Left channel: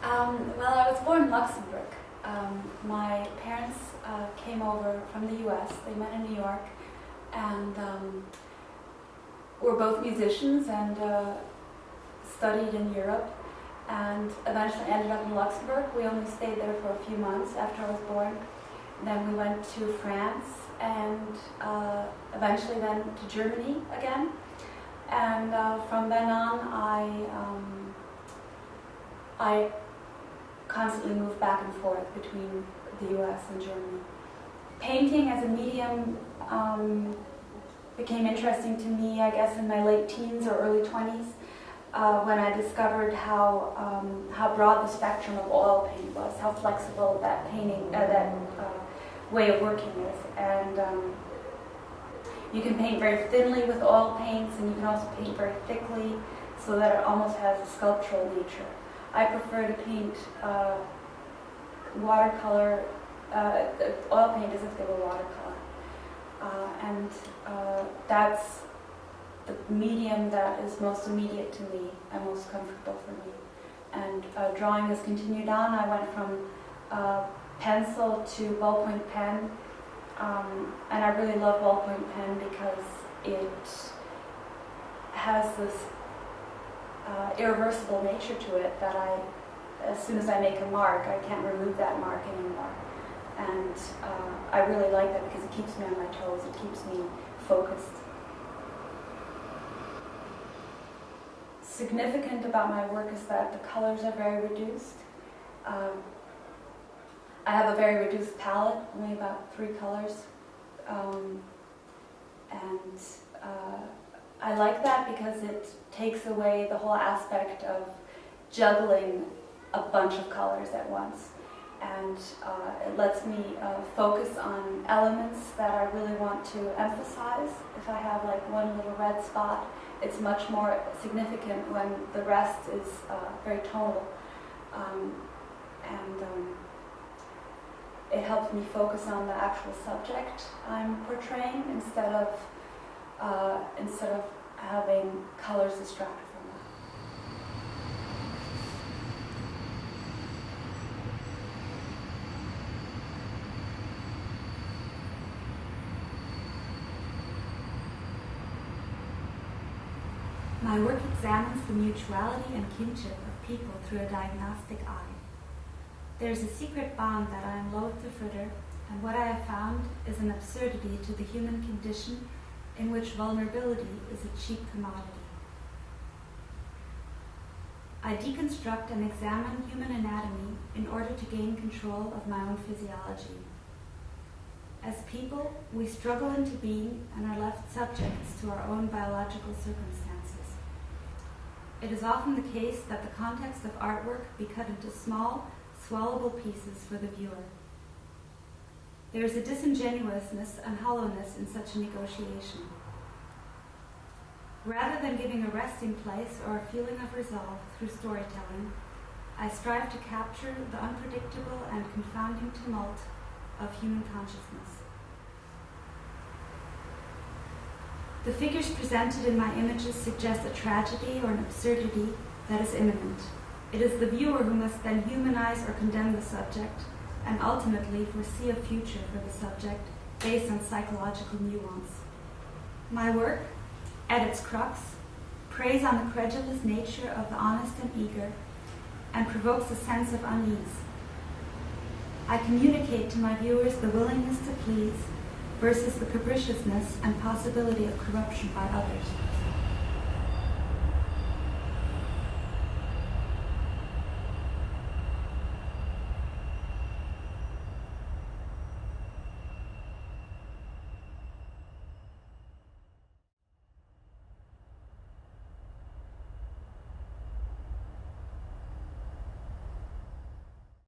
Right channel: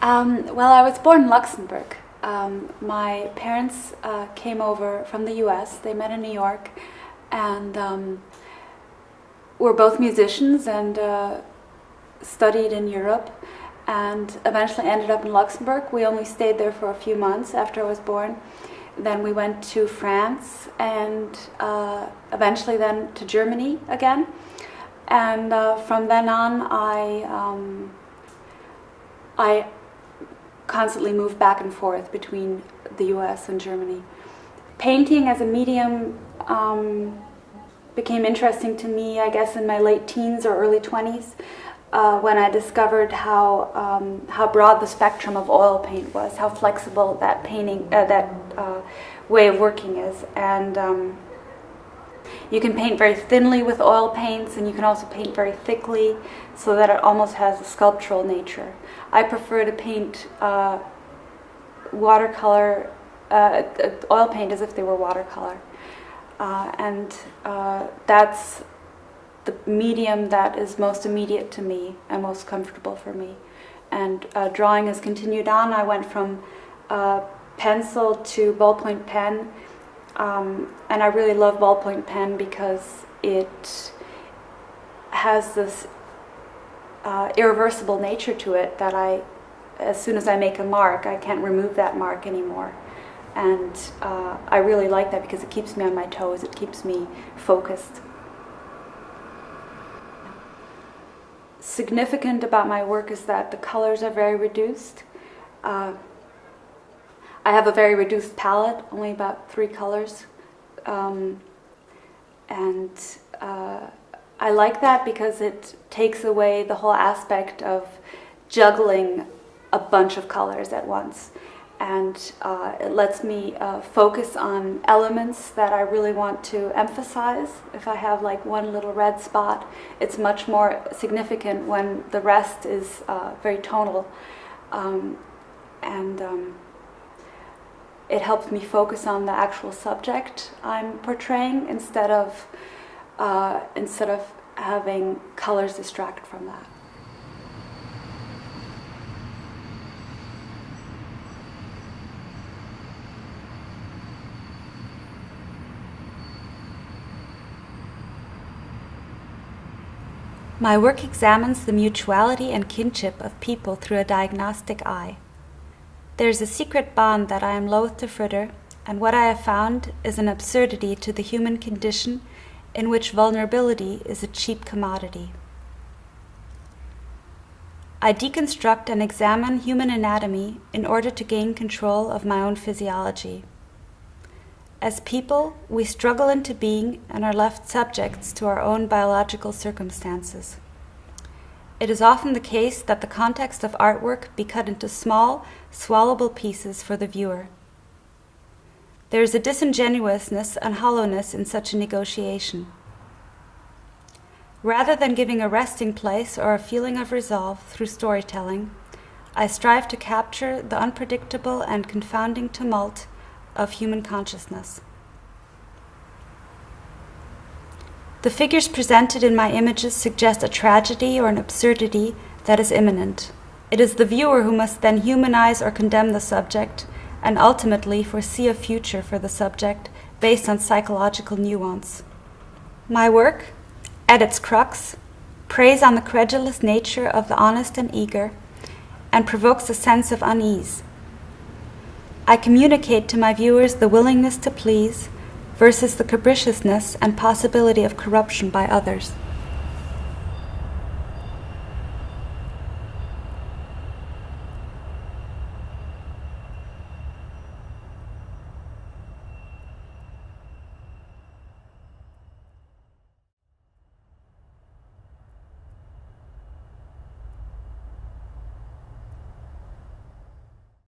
Well, I was born in Luxembourg. My parents came over from the US. They met in New York, and were both musicians and studied in Europe, and eventually ended up in Luxembourg. We only stayed there for a few months after I was born. Then we went to France, and eventually then to Germany again. And from then on, I constantly moved back and forth between the US and Germany. Painting as a medium became interesting to me, I guess, in my late teens or early 20s, when I discovered how broad the spectrum of oil paint was, how flexible that way of working is. And you can paint very thinly with oil paints, and you can also paint very thickly, so that it almost has a sculptural nature. I prefer to paint watercolor, oil paint as if they were watercolor. And that's the medium that is most immediate to me and most comfortable for me. And drawing has continued on. I went from pencil to ballpoint pen, and I really love ballpoint pen because it has this irreversible nature to it that as soon as I make a mark, I can't remove that mark anymore. And I really like that because it keeps me on my toes, it keeps me focused. Significant about my work is that the colors are very reduced. I have a very reduced palette, only about 3 colors. I like that because it takes away the whole aspect of juggling a bunch of colors at once. And it lets me focus on elements that I really want to emphasize. If I have like one little red spot, it's much more significant when the rest is very tonal. It helps me focus on the actual subject I'm portraying instead of having colors distracted from that. My work examines the mutuality and kinship of people through a diagnostic eye. There is a secret bond that I am loath to fritter, and what I have found is an absurdity to the human condition in which vulnerability is a cheap commodity. I deconstruct and examine human anatomy in order to gain control of my own physiology. As people, we struggle into being and are left subjects to our own biological circumstances. It is often the case that the context of artwork be cut into small, swallowable pieces for the viewer. There is a disingenuousness and hollowness in such a negotiation. Rather than giving a resting place or a feeling of resolve through storytelling, I strive to capture the unpredictable and confounding tumult of human consciousness. The figures presented in my images suggest a tragedy or an absurdity that is imminent. It is the viewer who must then humanize or condemn the subject, and ultimately foresee a future for the subject based on psychological nuance. My work, at its crux, preys on the credulous nature of the honest and eager, and provokes a sense of unease. I communicate to my viewers the willingness to please versus the capriciousness and possibility of corruption by others.